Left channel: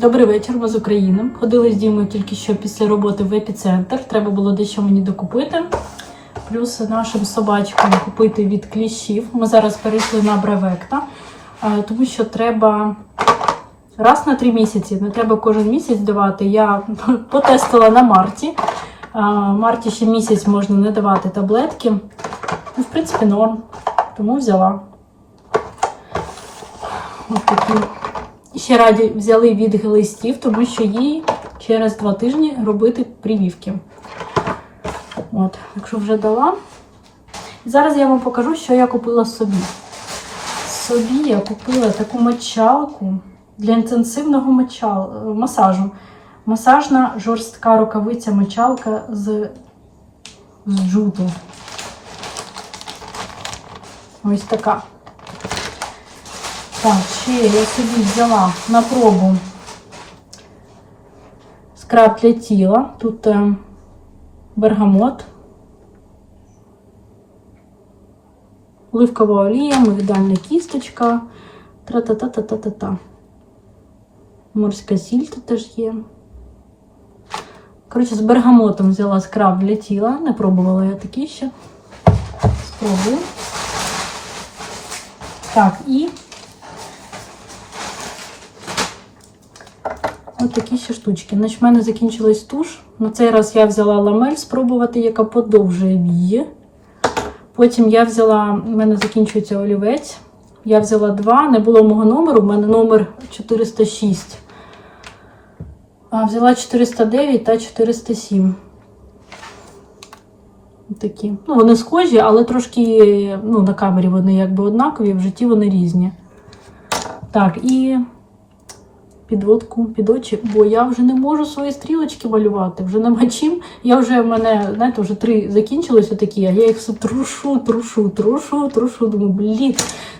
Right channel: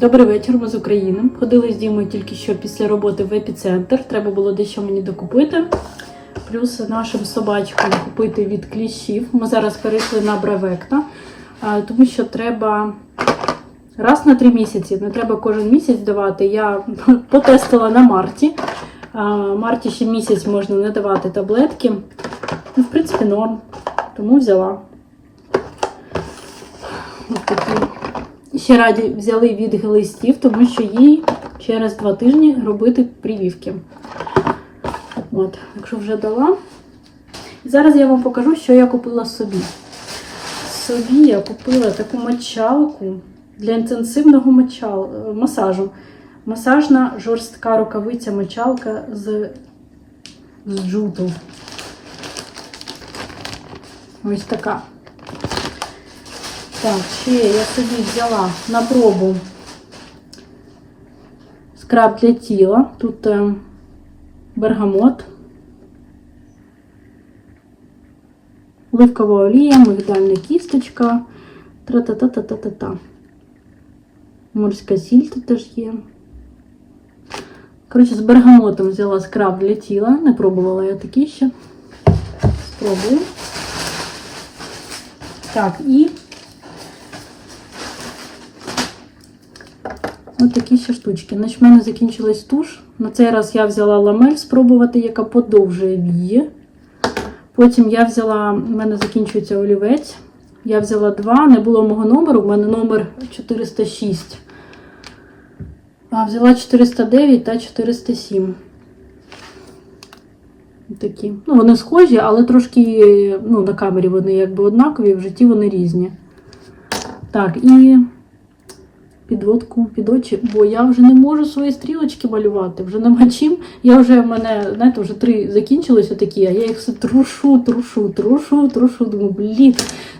Добрий вечір, ми з України. Ходили з Дімою тільки що після роботи в епіцентр. Треба було дещо мені докупити. Плюс нашим собачкам купити від кліщів. Ми зараз перейшли на бравекта, тому що треба раз на три місяці. Не треба кожен місяць давати. Я потестила на Марті. Марті ще місяць можна не давати таблетки. Ну, В принципі, норм. Тому взяла. Ось такі. Ще раді взяли від глистів, тому що їй через два тижні робити прививки. От, якщо вже дала. Зараз я вам покажу, що я купила собі. Собі я купила таку мочалку для інтенсивного мочал... масажу. Масажна жорстка рукавиця мочалка з, з джуту. Ось така. Так, ще я собі взяла на пробу скраб для тіла. Тут е, бергамот, оливкова олія, мигдальна кісточка, тра-та-та-та-та-та-та. Морська сіль тут теж є. Коротше, з бергамотом взяла скраб для тіла. Не пробувала я такий ще. Спробую. Так, і Ось такі ще штучки. Значить, в мене закінчилась туш. На цей раз я взяла ламель спробувати, яка подовжує вії. Потім я взяла, в мене закінчується олівець. Я взяла два, не було мого номеру, в мене номер 406. А взяла 409 та 407. Такі. Ну, вони схожі, але трошки ну, на камері вони якби однакові, в житті вони різні. Так, і підводку під очі, бо я вже не можу свої стрілочки малювати, вже нема чим. Я вже в мене, знаєте, вже три закінчилися такі, а я їх все трушу, трушу, трушу, трушу. Думаю, блін,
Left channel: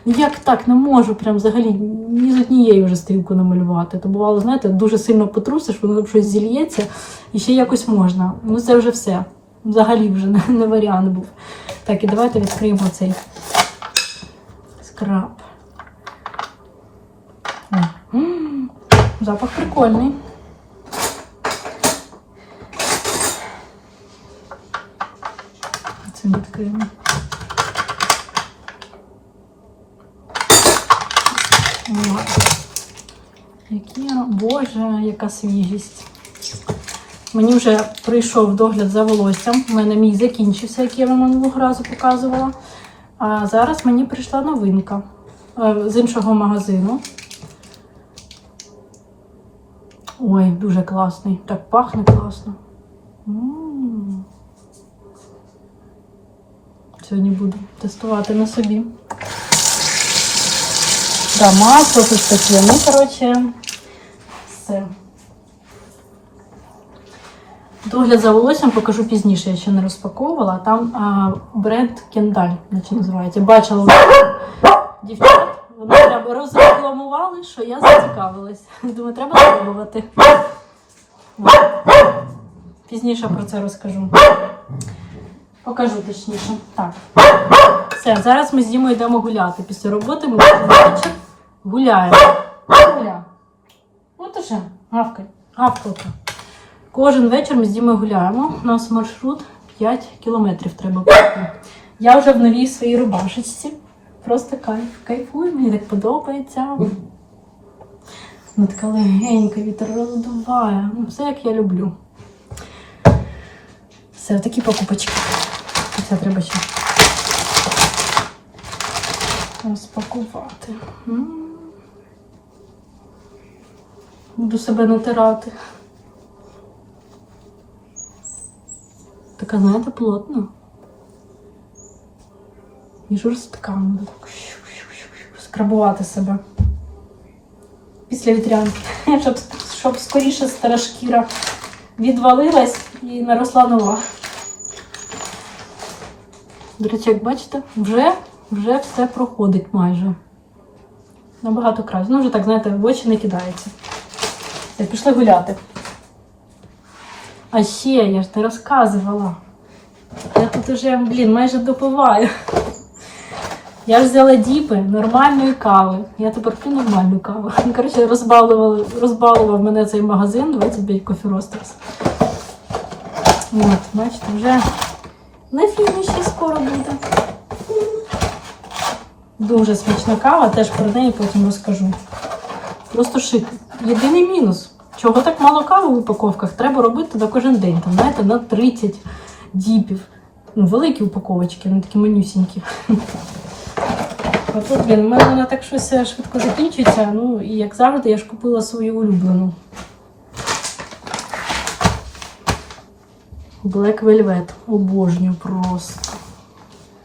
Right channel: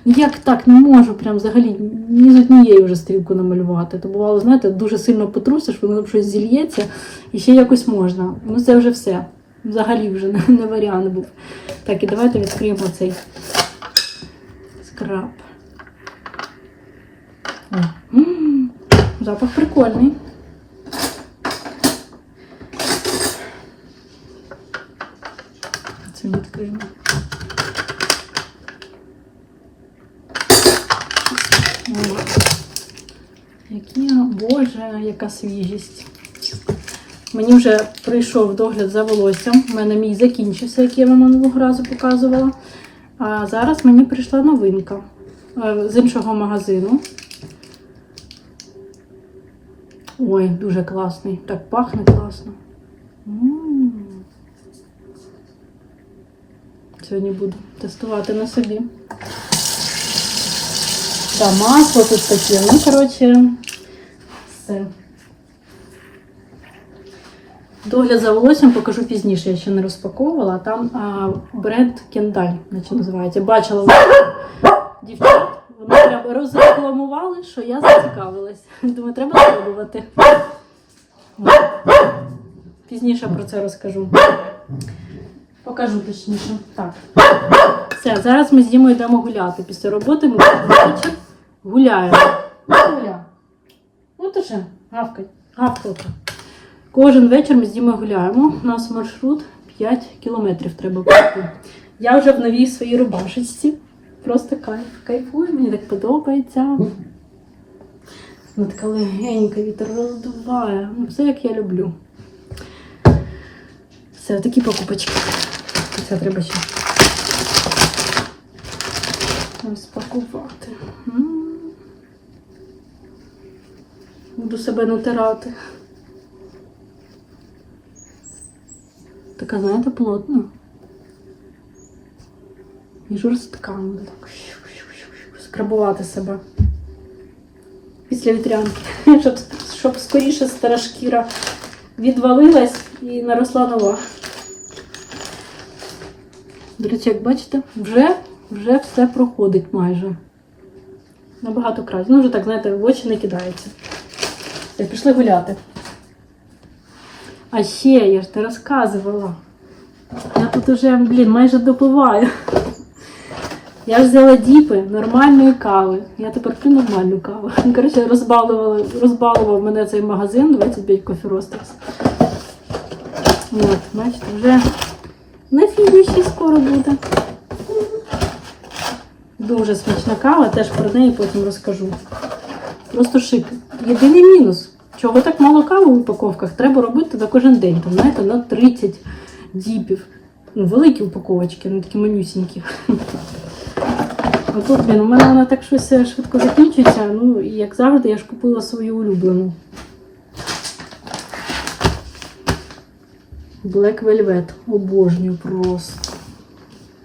ну як так не можу прям взагалі ні з однієї вже стрілку намалювати. То бувало, знаєте, дуже сильно потрусиш, воно щось зільється і ще якось можна. Ну це вже все. Взагалі вже не, не варіант був. Так, і давайте відкриємо цей скраб. О, м, Запах прикольний. Це відкриємо. Які, боже, яка свіжість. Мені вже прийшов догляд за волоссям. У мене мій закінчився, як я вам минулого разу показувала. А зараз мені прийшла новинка е, з іншого магазину. Ой, дуже класний. Так пахне класно. Сьогодні буду тестувати на собі. Да, масло тут таке. Ну, коротше, все. Догляд за волоссям покажу пізніше, я ще не розпаковувала. Там а, бренд Кендаль, наче називається. Бачила дівчат. Вони прям розрекламували, що я зацікавилась. Думаю, треба спробувати. Пізніше про це розкажу. Покажу точніше. Так. Все, зараз ми з Дімою йдемо гуляти. Після роботи ми вечір гуляємо. Гуля. От уже, гавкай, гавкалка. Кожен вечір ми з Дімою гуляємо. У нас маршрут 5 кілометрів треба пройти. Я вже в новій своїй рубашечці. Просто кайф, кайфую, мені так подобається. Вона така легенька, вітер роздуває. Ну, Все як я люблю. Все, такі покупочки. Це треба ще розпакувати. Буду себе натирати. Така, знаєте, плотна. І жорстка. Скрабувати себе. Після вітрянки. Щоб, щоб скоріше стара шкіра відвалилась і наросла нова. До речі, як бачите, вже, вже все проходить майже. Набагато краще. Ну, вже так, знаєте, в очі не кидається. Все, пішли гуляти. А ще я ж не розказувала. Я тут уже, блін, майже допиваю. Я ж взяла діпи нормальної кави. Я тепер п'ю нормальну каву. Коротше, розбалували, розбалував мене цей магазин 25 Coffee Roasters. От, бачите, вже на фініші скоро буде. Дуже смачна кава, теж про неї потім розкажу. Просто шик. Єдиний мінус. Чого так мало кави в упаковках? Треба робити на кожен день. Там, знаєте, на 30 діпів. Ну, великі упаковочки, вони такі манюсінькі. Отут, блін, у мене вона так щось е, швидко закінчується. Ну, і як завжди, я ж купила свою улюблену. Black Velvet. Обожнюю просто.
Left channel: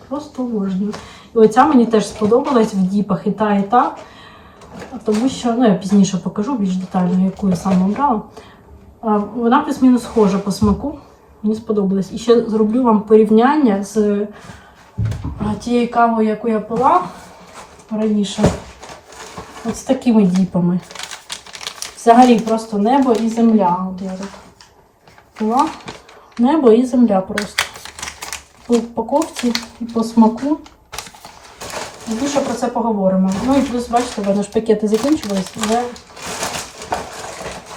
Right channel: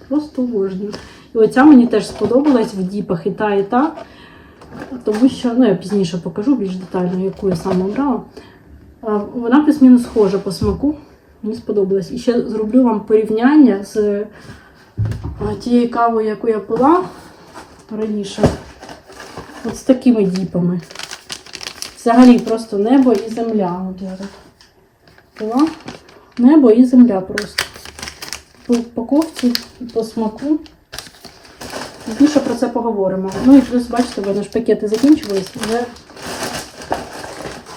Просто обожнюю. І оця мені теж сподобалась в діпах і та, і та. Тому що, ну я пізніше покажу більш детально, яку я саме обрала. Вона плюс-мінус схожа по смаку. Мені сподобалась. І ще зроблю вам порівняння з тією кавою, яку я пила раніше. От з такими діпами. Взагалі просто небо і земля. Пила. Небо і земля просто. По упаковці і по смаку. Більше про це поговоримо. Ну і плюс, бачите, в мене ж пакети закінчувались, вже,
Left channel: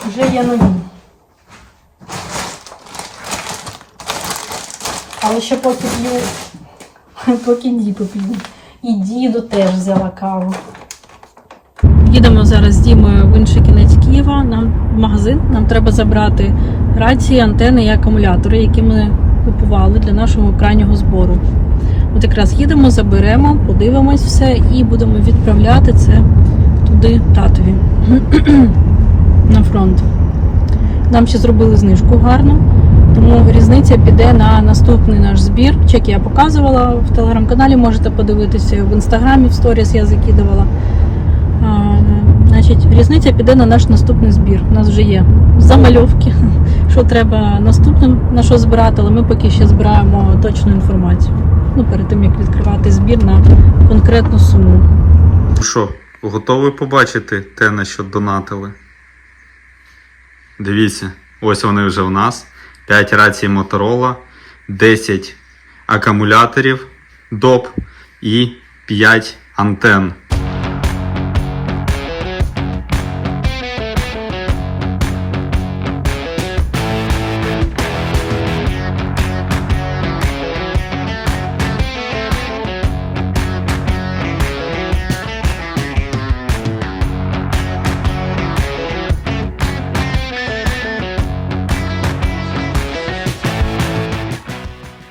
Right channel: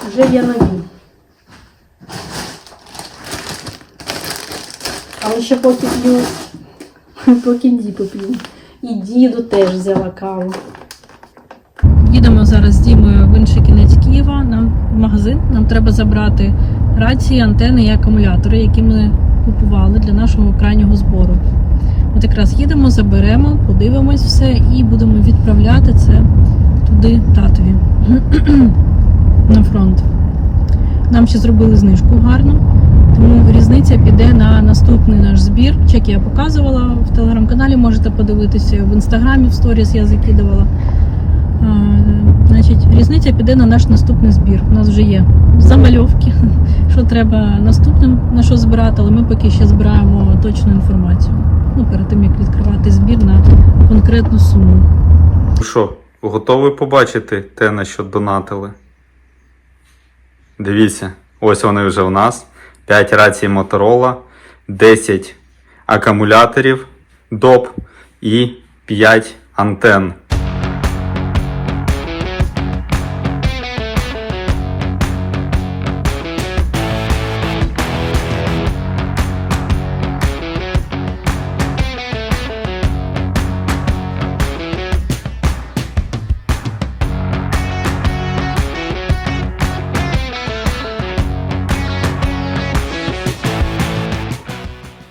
вже є нові. Але ще поки п'ю, поки діпи п'ю. І діду теж взяла каву. Їдемо зараз з Дімою в інший кінець Києва нам в магазин. Нам треба забрати рації, антени і акумулятори, які ми купували для нашого крайнього збору. От якраз їдемо, заберемо, подивимось все і будемо відправляти це туди татові на фронт. Нам ще зробили знижку гарну, тому різниця піде на наступний наш збір. Чек я показувала в телеграм-каналі, можете подивитися в інстаграмі, в сторіс я закидувала. Значить, різниця піде на наш наступний збір. У нас вже є замальовки, що треба наступним на що збирати, але ми поки ще збираємо точну інформацію. Ну, перед тим як відкривати збір на конкретну суму. Що, готові побачити те, на що донатили? Дивіться, ось вони вже в нас. 5 рацій Motorola, 10 акумуляторів доп і 5 антен.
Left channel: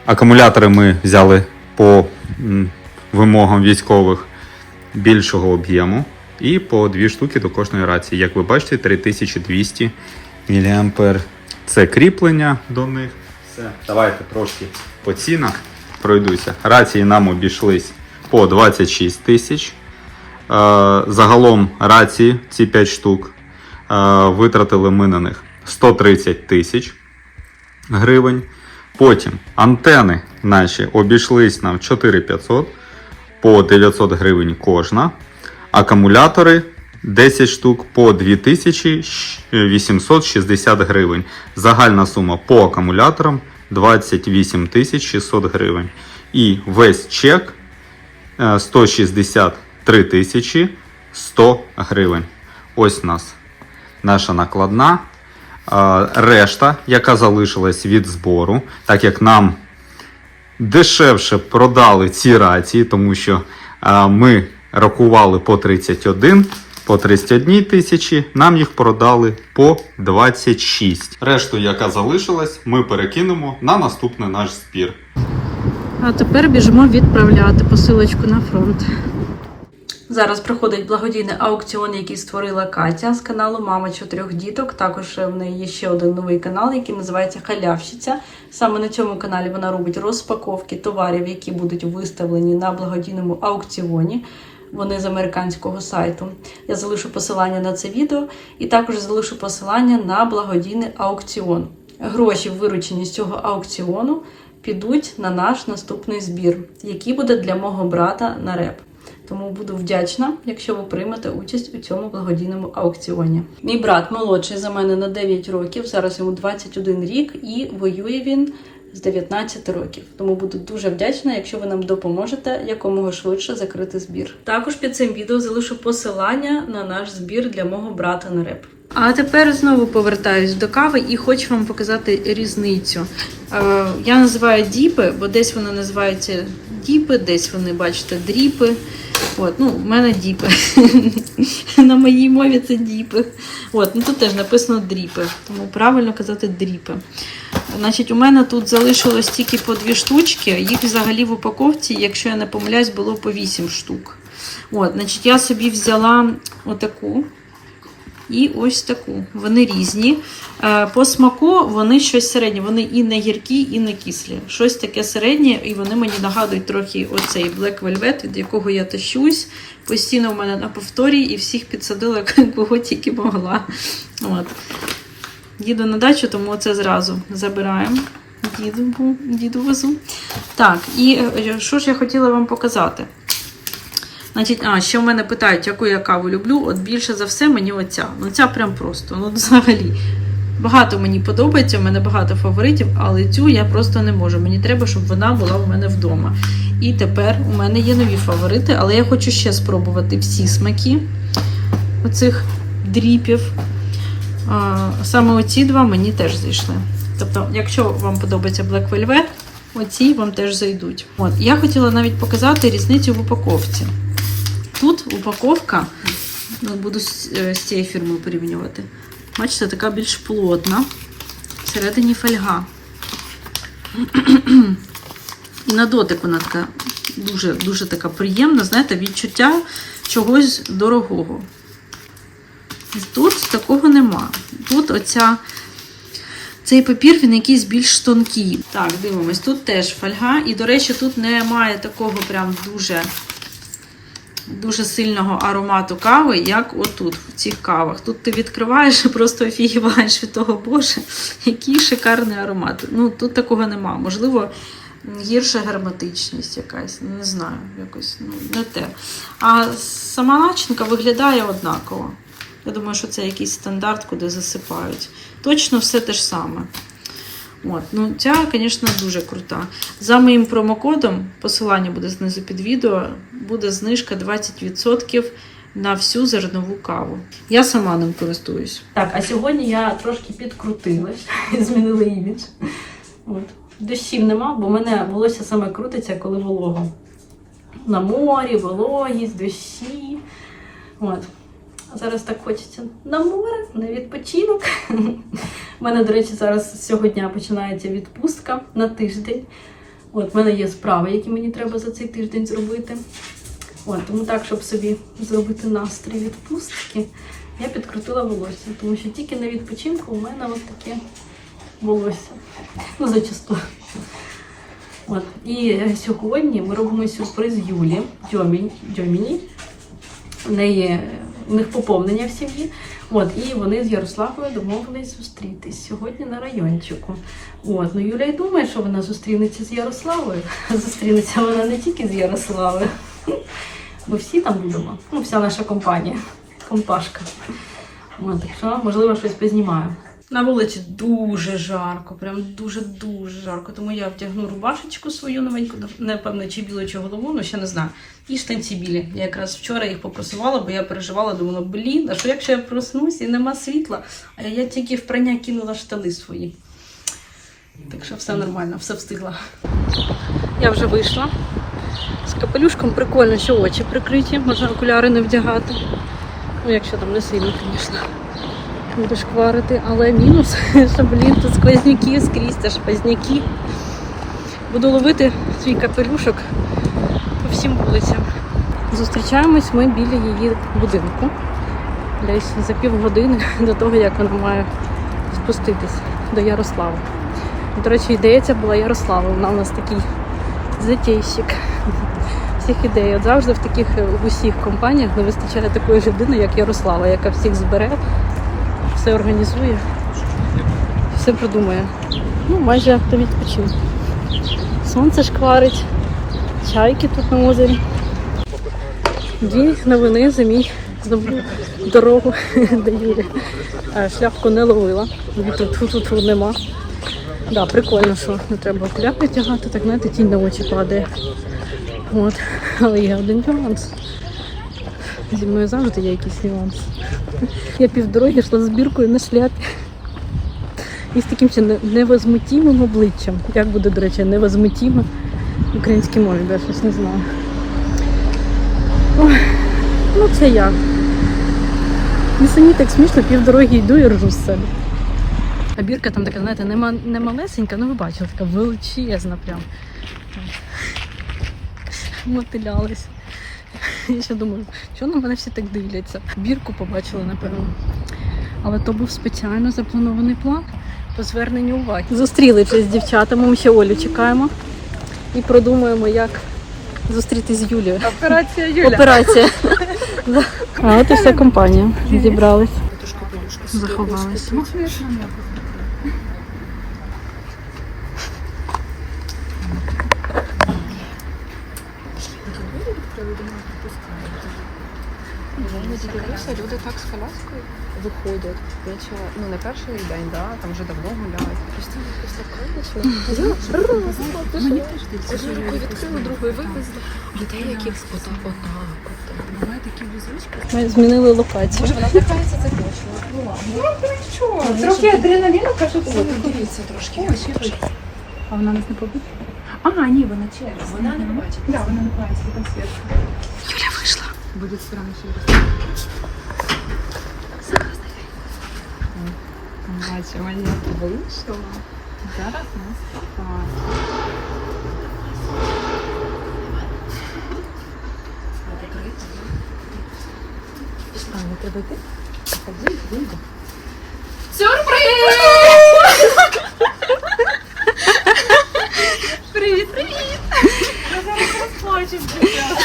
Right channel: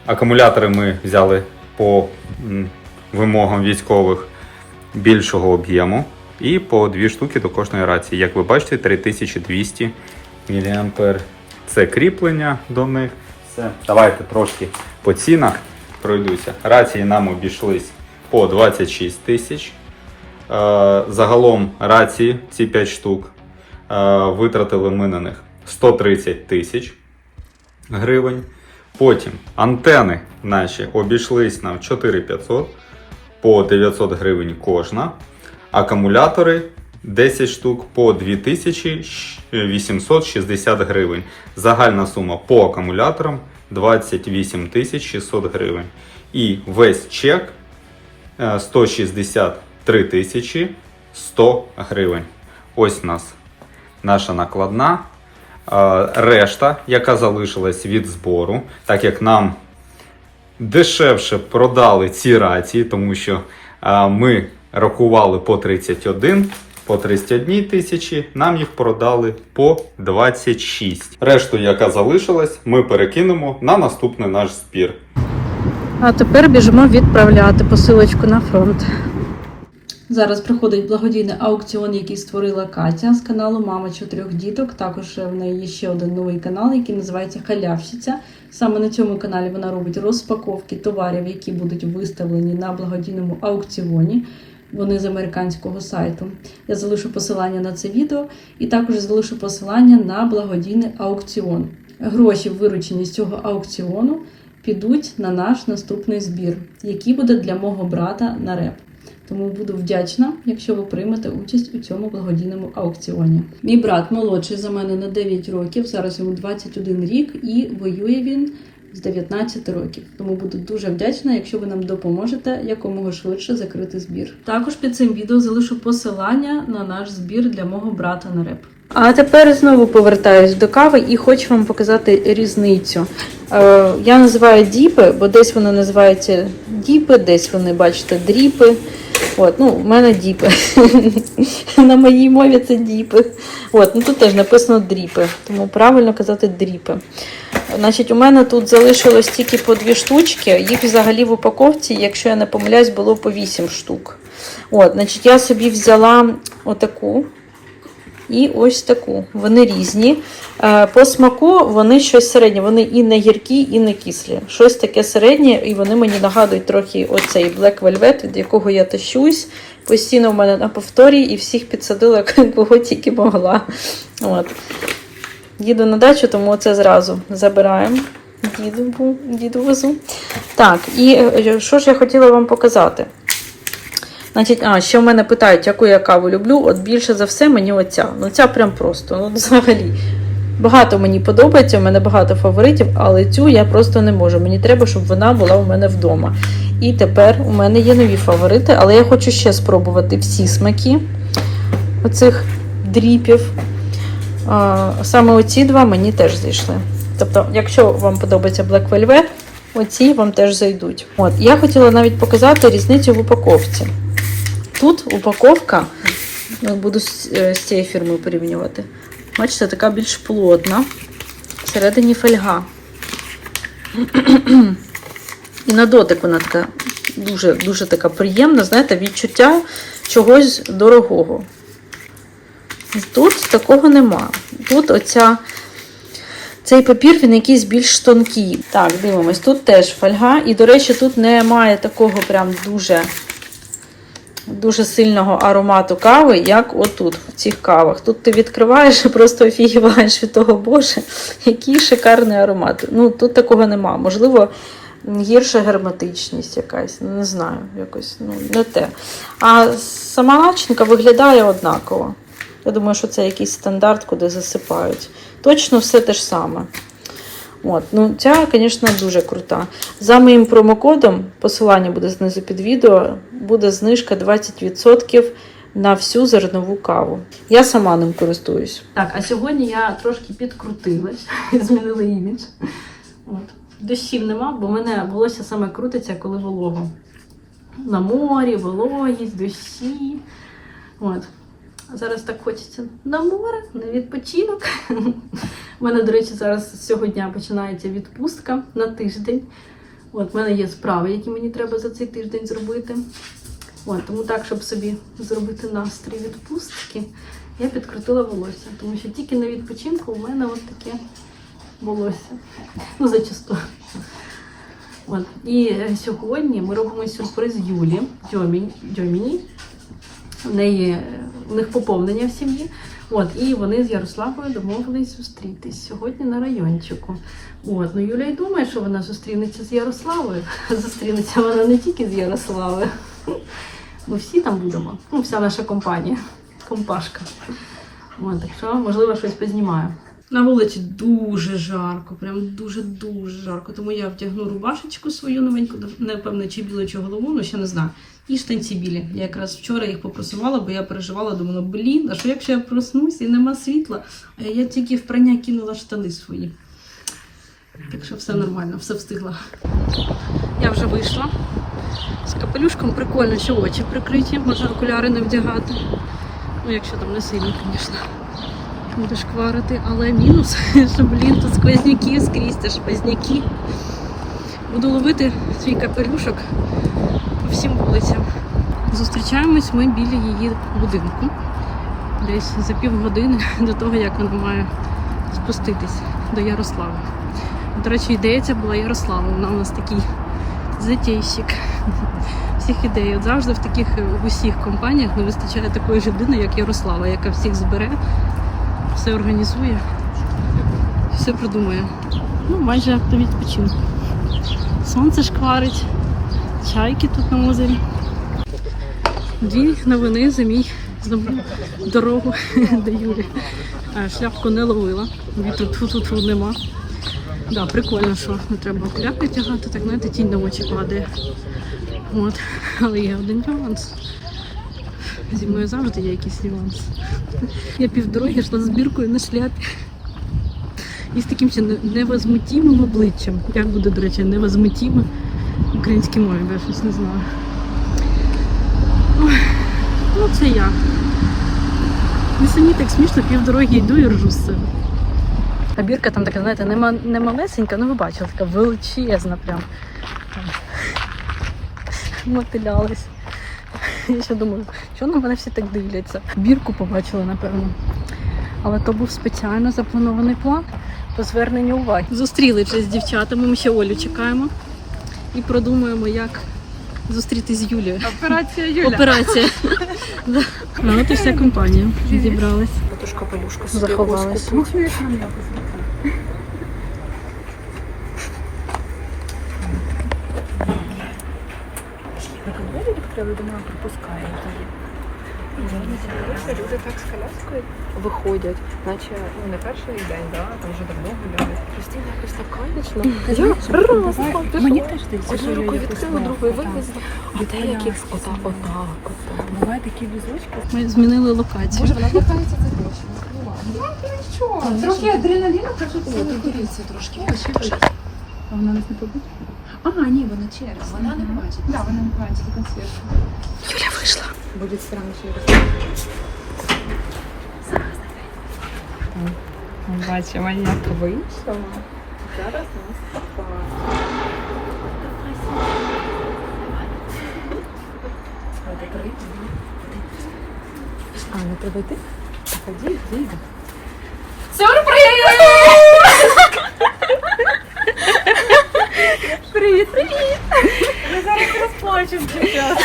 Акумулятори ми взяли по вимогам військових більшого об'єму і по дві штуки до кожної рації. Як ви бачите, 3200 мА. Це кріплення до них. Все. Давайте трошки по цінах пройдуся. Рації нам обійшлись по 26 тисяч. Е, Загалом рації, ці 5 штук, е, витратили ми на них 130 тисяч гривень. Потім антени наші обійшлись нам 4500 по 900 гривень кожна. Акумулятори 10 штук по 2860 гривень. Загальна сума по акумуляторам 28 600 гривень. І весь чек е, 163 тисячі 100 гривень. Ось у нас наша накладна. Решта, яка залишилась від збору, так як нам дешевше продали ці рації, тому що ми рахували по 31, по 31 тисячі, нам їх продали по 26. Решту, яка залишилась, ми перекинемо на наступний наш збір. А тепер біжимо відправляти посилочку на фронт. Зараз проходить благодійний аукціон, який створила Катя з каналу Мама чотирьох діток. Також в неї є ще один новий канал, який називається Халявщиця. Саме на цьому каналі вона робить розпаковки товарів, які будуть виставлені на благодійному аукціоні. Вони з американського сайту. Я залишу посилання на це відео і також залишу посилання на благодійний аукціон. Гроші, виручені з цього аукціону, підуть на наш наступний збір, який буде для мого брата на реп. Тому буду вдячна, якщо ви приймете участь у цьому благодійному аукціоні. Мій брат молодший за мене на 9 років, зараз йому 21 рік, і воює він з 19 років. Тому буду дуже вдячна, якщо ви нам допоможете якомога швидше закрити збір. Також під цим відео залишу посилання на наш збір для мого брата на реп. А тепер знову повертаюсь до кави і хочу вам показати різницю. Е, я називаю діпи, бо десь вони називаються діпи, десь вони, бачите, дріпи. От, ну, в мене діпи. На моїй мові це діпи. От, ну тут теж написано дріпи, тому правильно казати дріпи. Значить, у мене тут залишилось тільки по дві штучки. Їх взагалі в упаковці, якщо я не помиляюсь, було по 8 штук. От, значить, я собі взяла отаку. І ось таку. Вони різні. Е, По смаку вони щось середнє. Вони і не гіркі, і не кислі. Щось таке середнє, і вони мені нагадують трохи оцей Black Velvet, від якого я тащусь. Постійно в мене на повторі і всіх підсадила, кого тільки могла. От. Їду на дачу, тому це зразу забираємо. Діду, діду везу. Так, і е, що ж я хотіла вам показати? Значить, а, ще в мене питають, яку я каву люблю. От більше за все мені оця. Ну, ця прям просто. Ну, взагалі. Багато мені подобається, у мене багато фаворитів, але цю я просто не можу. Мені треба, щоб вона була у мене вдома. І тепер у мене є нові фаворити, але я хочу ще спробувати всі смаки оцих дріпів. Саме оці два мені теж зайшли. Тобто, якщо вам подобається Black Velvet, оці вам теж зайдуть. От, я хотіла навіть показати різницю в упаковці. Тут упаковка, буду з, е, цією фірмою порівнювати. Бачите, така більш плотна. Всередині фольга. І на дотик вона така дуже, дуже така приємна, знаєте, відчуття чогось дорогого. Тут такого нема. Тут оця, цей папір, він якийсь більш тонкий. Так, дивимось, тут теж фольга. І, до речі, тут немає такого прям дуже дуже сильного аромату кави, як отут, в цих кавах. Тут ти відкриваєш і просто офігіваєш від того, боже, який шикарний аромат. Ну, тут такого нема. Можливо, гірша герметичність якась, не знаю, якось ну, не те. А сама начинка виглядає однаково. Я думаю, що це якийсь стандарт, куди засипають. Точно все те ж саме. От, ну Ця, звісно, дуже крута. За моїм промокодом, посилання буде знизу під відео, буде знижка 20% на всю зернову каву. Я сама ним користуюсь. Так, а сьогодні я трошки підкрутилась, змінила імідж. От. Дощів нема, бо в мене волосся саме крутиться, коли волого. На морі, вологість, дощі. От. Зараз так хочеться на море, на відпочинок. У мене, до речі, зараз з цього дня починається відпустка на тиждень. От, в мене є справи, які мені треба за цей тиждень зробити. От, тому так, щоб собі зробити настрій відпустки, я підкрутила волосся. Тому що тільки на відпочинку у мене от таке волосся. Ну, зачасту. От. І е, сьогодні ми робимо сюрприз Юлі Дьоміні. В неї у них поповнення в сім'ї. От, і вони з Ярославою домовились зустрітись сьогодні на райончику. От, ну Юля й думає, що вона зустрінеться з Ярославою. Зустрінеться вона не тільки з Ярославою. Ми всі там будемо. Ну, вся наша компанія. Компашка. От, так що, можливо, щось познімаю. На вулиці дуже жарко, прям дуже-дуже жарко. Тому я вдягну рубашечку свою новеньку, напевно, чи білу, чи голову, ну ще не знаю. І штанці білі. Я якраз вчора їх попросувала, бо я переживала, думала, блін, а що якщо я проснусь і нема світла, а я тільки в прання кинула штани свої. Так що все нормально, все встигла. Я вже вийшла. З капелюшком прикольно, що очі прикриті, можна окуляри не вдягати. Ну, якщо там не сильно, звісно буде шкварити, але мінус, що, блін, тут сквозняки скрізь, це ж сквозняки. Буду ловити свій капелюшок по всім вулицям. Зустрічаємось ми біля її будинку. Десь за півгодини до того, як вона має спуститись до Ярослави. До речі, ідея була Ярослава. Вона у нас такий затейщик всіх ідей. От завжди в таких в усіх компаніях не вистачає такої людини, як Ярослава, яка всіх збере все організує, все продумає. Ну, майже автовідпочинок. Сонце шкварить, чайки тут на озері. Дві новини за мій знову дорогу до Юрі. Шляпку не ловила, вітру тут нема. Да, прикольно, що не треба окуляри тягати, так знаєте, тінь на очі падає. От. Але є один нюанс. Зі мною завжди є якийсь нюанс. Я півдороги йшла з збіркою на шляпі. І з таким ще не- невозмутимим обличчям. Як буде, до речі, невозмутиме в українській мові, я щось не знаю. Ну це я. Мені самі так смішно, півдороги йду і ржу з себе. А бірка там така, знаєте, не, малесенька, ну ви бачили, така величезна прям. Мотилялась. Я ще думаю, чого на мене всі так дивляться? Бірку побачили, напевно. Але то був спеціально запланований план по зверненню уваги. Зустріли з дівчатами, ми ще Олю чекаємо і продумуємо, як зустрітися з Юлією. Операція Юля. Операція. А от і вся компанія зібралась, заховалась. Я люди так з коляскою виходять, наче ну не перший день, да, там вже давно гуляють. Постійно якось так комічно. Мені теж здається, що я якось вивезли. Дітей, які отак, отак. Буває такі візочки. Ми змінили локацію. Трохи адреналіну, кажуть, подивіться трошки. А вона нас не побачить? А, ні, вона через. Вона не бачить. Так, вона не бачить. Юля вийшла. Буде странно, я Ми бачимо, як вийшла. Зараз нас. Не треба йти? Тоді йди. Сюрприз! Привіт, привіт! Я зараз розплачусь, дівчата.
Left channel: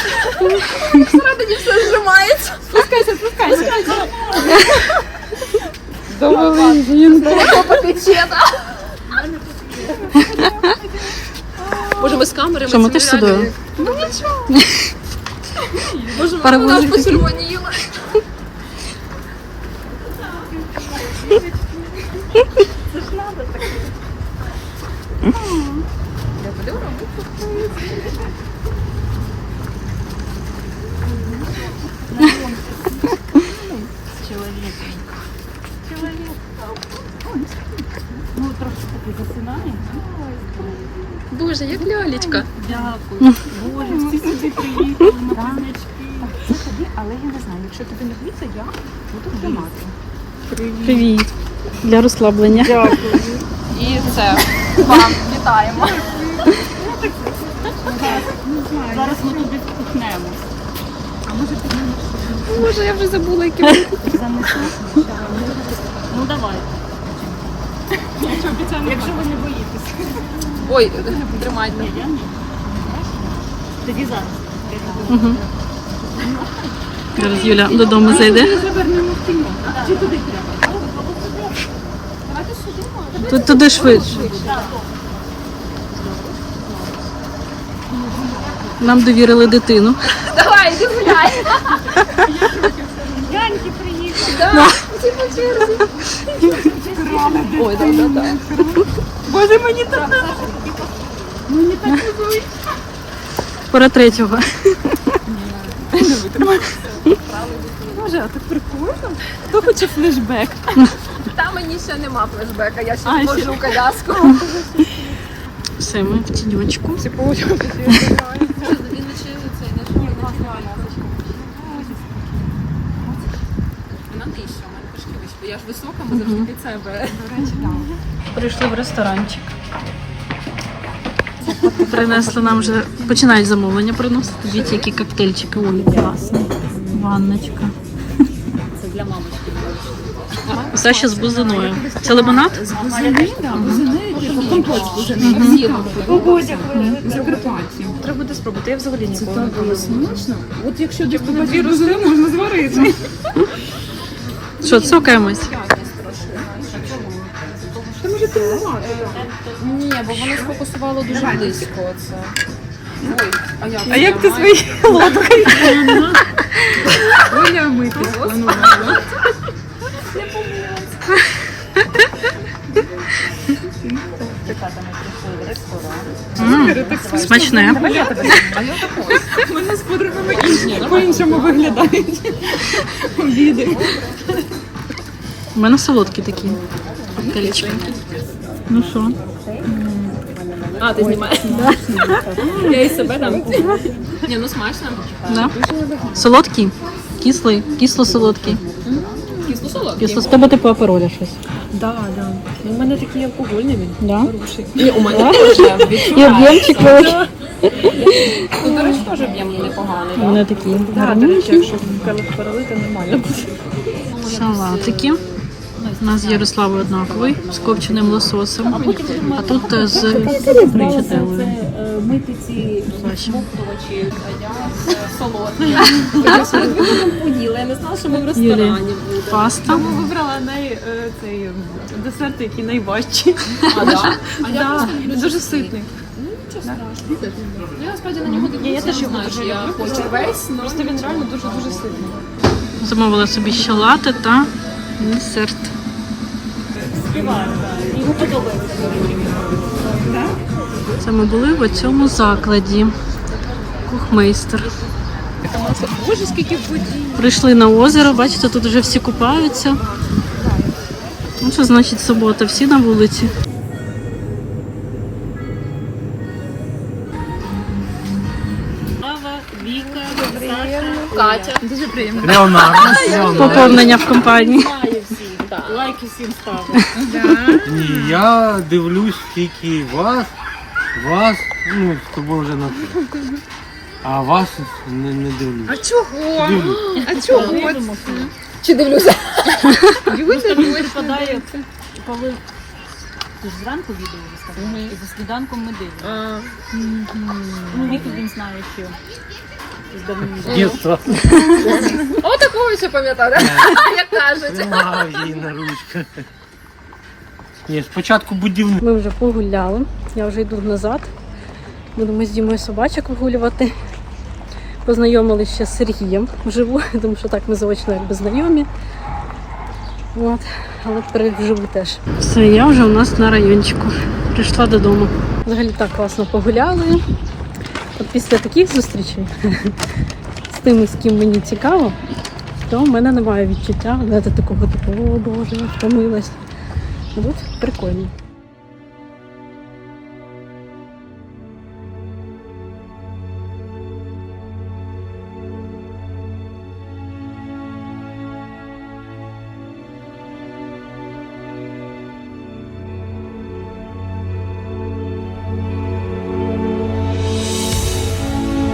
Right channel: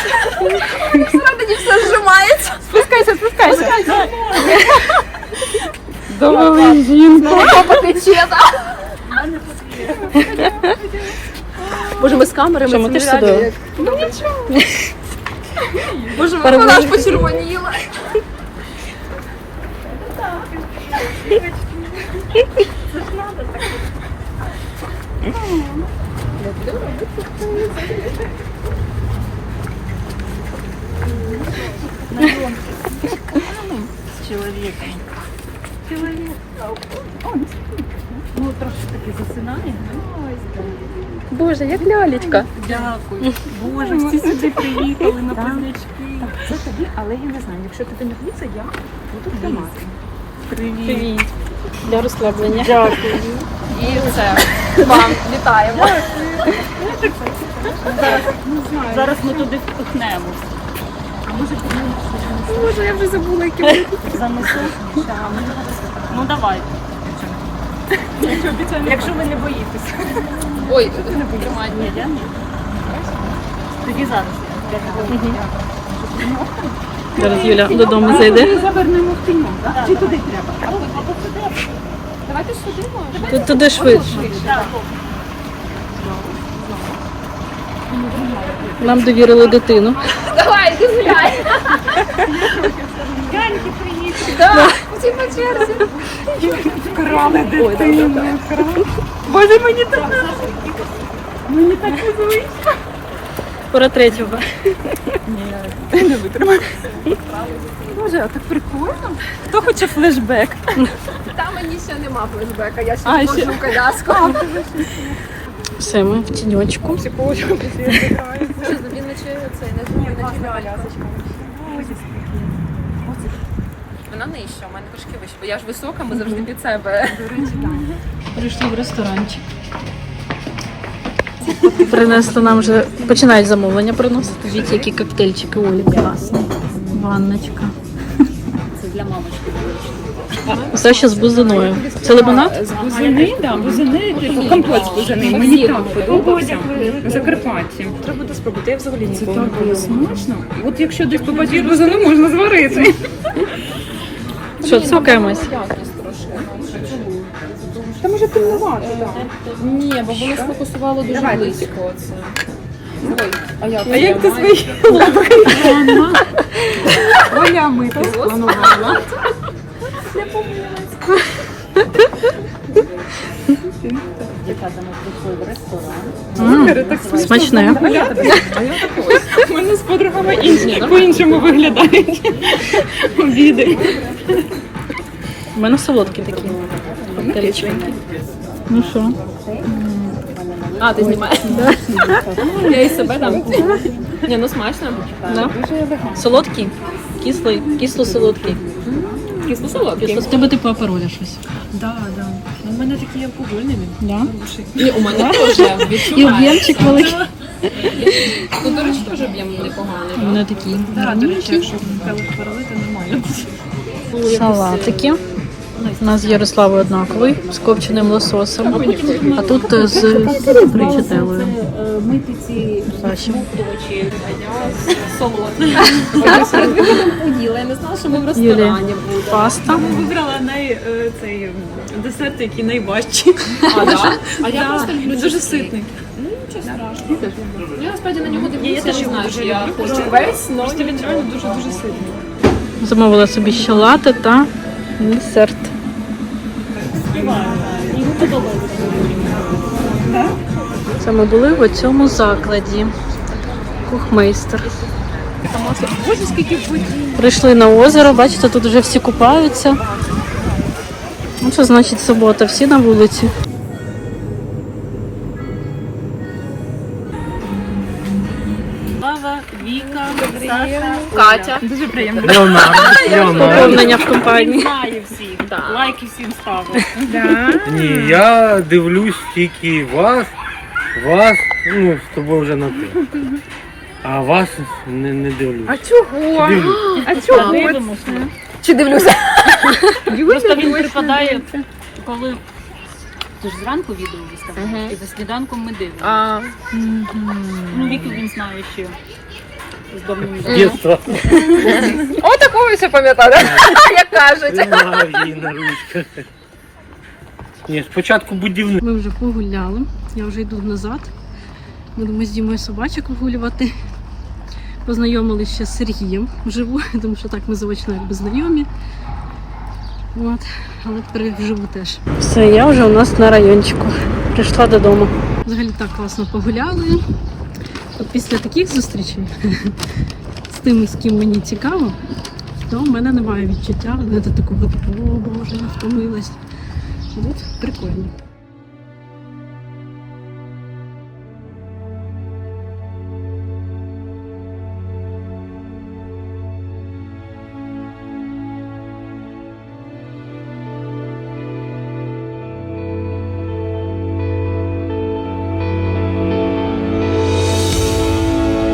Всередині все зжимається. Спускайся, спускайся. Давай, жінка. Боже, ми з камерами Що, ми теж сюди? Боже, Перевозити вона ж почервоніла. Боже, як лялечка. Дякую. Боже, всі сюди приїхали на пам'ячки. Це тобі, але я не знаю, якщо тобі не влізе, я буду тримати. Привіт. Привіт. Для розслаблення. Дякую. І це. Вам вітаємо. Зараз ми туди впихнемо. Боже, я вже забула, які занесу. Ну давай. Якщо ви не боїтеся. Ой, тримай. Ні. Тоді зараз. Зараз Юля додому зайде. Завернемо в кіно, так? Чи куди треба? Туди. Давайте сюди. Тут туди швидше. Нам довірили дитину. Давай, іди гуляй. Яньки приїхали. Крали дитину. Боже, мені так не Мені так не звичайно. Пора третього. Боже, а так прикольно. Хто хоче флешбек? Та мені ще нема флешбека, я ще вложу коляску. Все, ми в тіньочку. Вона нижча, у мене трошки вище, бо я ж висока, ми завжди під себе. Прийшли в ресторанчик. Принесли нам вже, починають замовлення приносити. Дивіться, які коктейльчики Олі класні. Ванночка. Це для мамочки. Все ще з бузиною. Це лимонад? З бузини, да, бузини, типу компот з бузини. Мені там подобається. На Закарпатті. Треба буде спробувати. Я взагалі ніколи не пробувала. смачно. От якщо десь побачиш бузину, можна зварити. Що, цокаємось? Та може ти нема. Ні, бо воно сфокусувало дуже близько. Це. Ой, а як? А як ти свої лапки? Твоя мити. Смачне. У мене з подругами інші по-іншому виглядають обіди. У мене солодкі такі. Коктейльчики. Ну що? А, ти знімаєш? Я і себе там. Ні, ну смачно. Да? Солодкий? Кислий, кисло-солодкий. Кисло солодкий. Кисло. З тебе типу апероля щось. Да, да. Ну, у мене такий алкогольний він. Да? І у мене теж І об'ємчик великий. Ну, до речі, теж об'єм непоганий. У да? мене такі Так, до речі, якщо перелити, нормально. салатики. У нас з Ярославою однаковий, з копченим лососем. А тут е, з причателою. Мити ці смоктувачі, а я солодкі. Я перед виходом поїла, я не знала, що ми в ресторані будемо. паста. Вибрала най, е, цей ем, десерт, який найважчий. А, да? а я просто люблю Дуже ситний. Ну, нічого страшного. Ну, Я насправді на нього дивлюся, я не знаю, чи я хочу весь, але Просто він реально дуже-дуже ситний. Замовила собі ще лати та десерт. Це ми були в цьому закладі. Кухмейстер. Прийшли на озеро, бачите, тут вже всі купаються. Ну, Це значить субота, всі на вулиці. Віка, Саша, Катя. Дуже приємно. Поповнення в компанії. Знаю всіх. Лайки всім ставлю. Ні, я дивлюсь тільки вас, вас, ну, з тобою вже на ти. А вас не, не дивлюсь. А чого? Дивлюсь. А чого? Дивимося. Чи дивлюся? Просто він припадає, коли ти ж зранку відео виставляєш, і за сніданком ми дивимося. А, Ну, Віку він знає ще з давним Дєтство. о, такого ще пам'ятаю, як кажуть. Мав її на ручках. Ні, спочатку будівник. Ми вже погуляли. Я вже йду назад. Будемо з Дімою собачок вигулювати. Познайомилися з Сергієм вживу, тому що так ми заочно якби знайомі. От. Але тепер вживу теж. Все, я вже у нас на райончику. Прийшла додому. Взагалі так класно погуляли. От після таких зустрічей з тими, з ким мені цікаво, то в мене немає відчуття такого типу, о Боже, я втомилась. От прикольно.